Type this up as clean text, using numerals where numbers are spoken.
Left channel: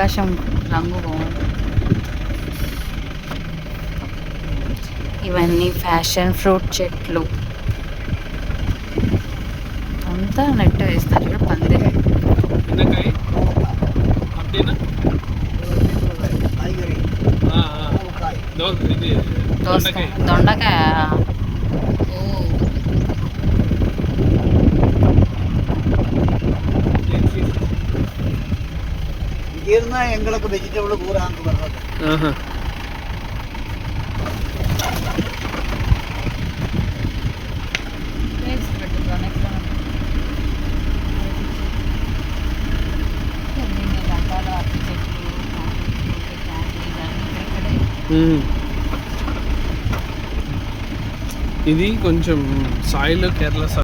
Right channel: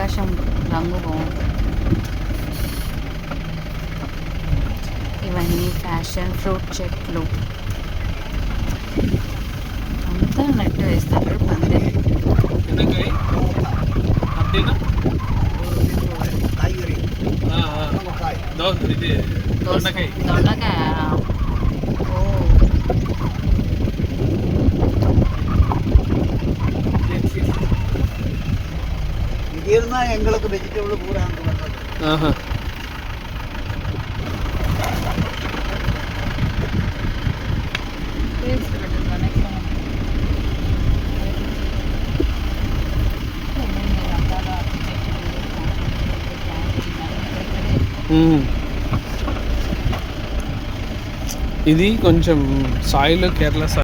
ఆకాశం రంగు బాగుంది. ఇవన్నీ ఫ్యాషన్ ఫ్రూట్ చెట్లు అంతా నెట్ వేస్తారు పందిరి. దొండకాయ. ఓ எங்களுக்கு வெஜிடபிள் பூரா ఇది కొంచెం సాయిల్ కేరళ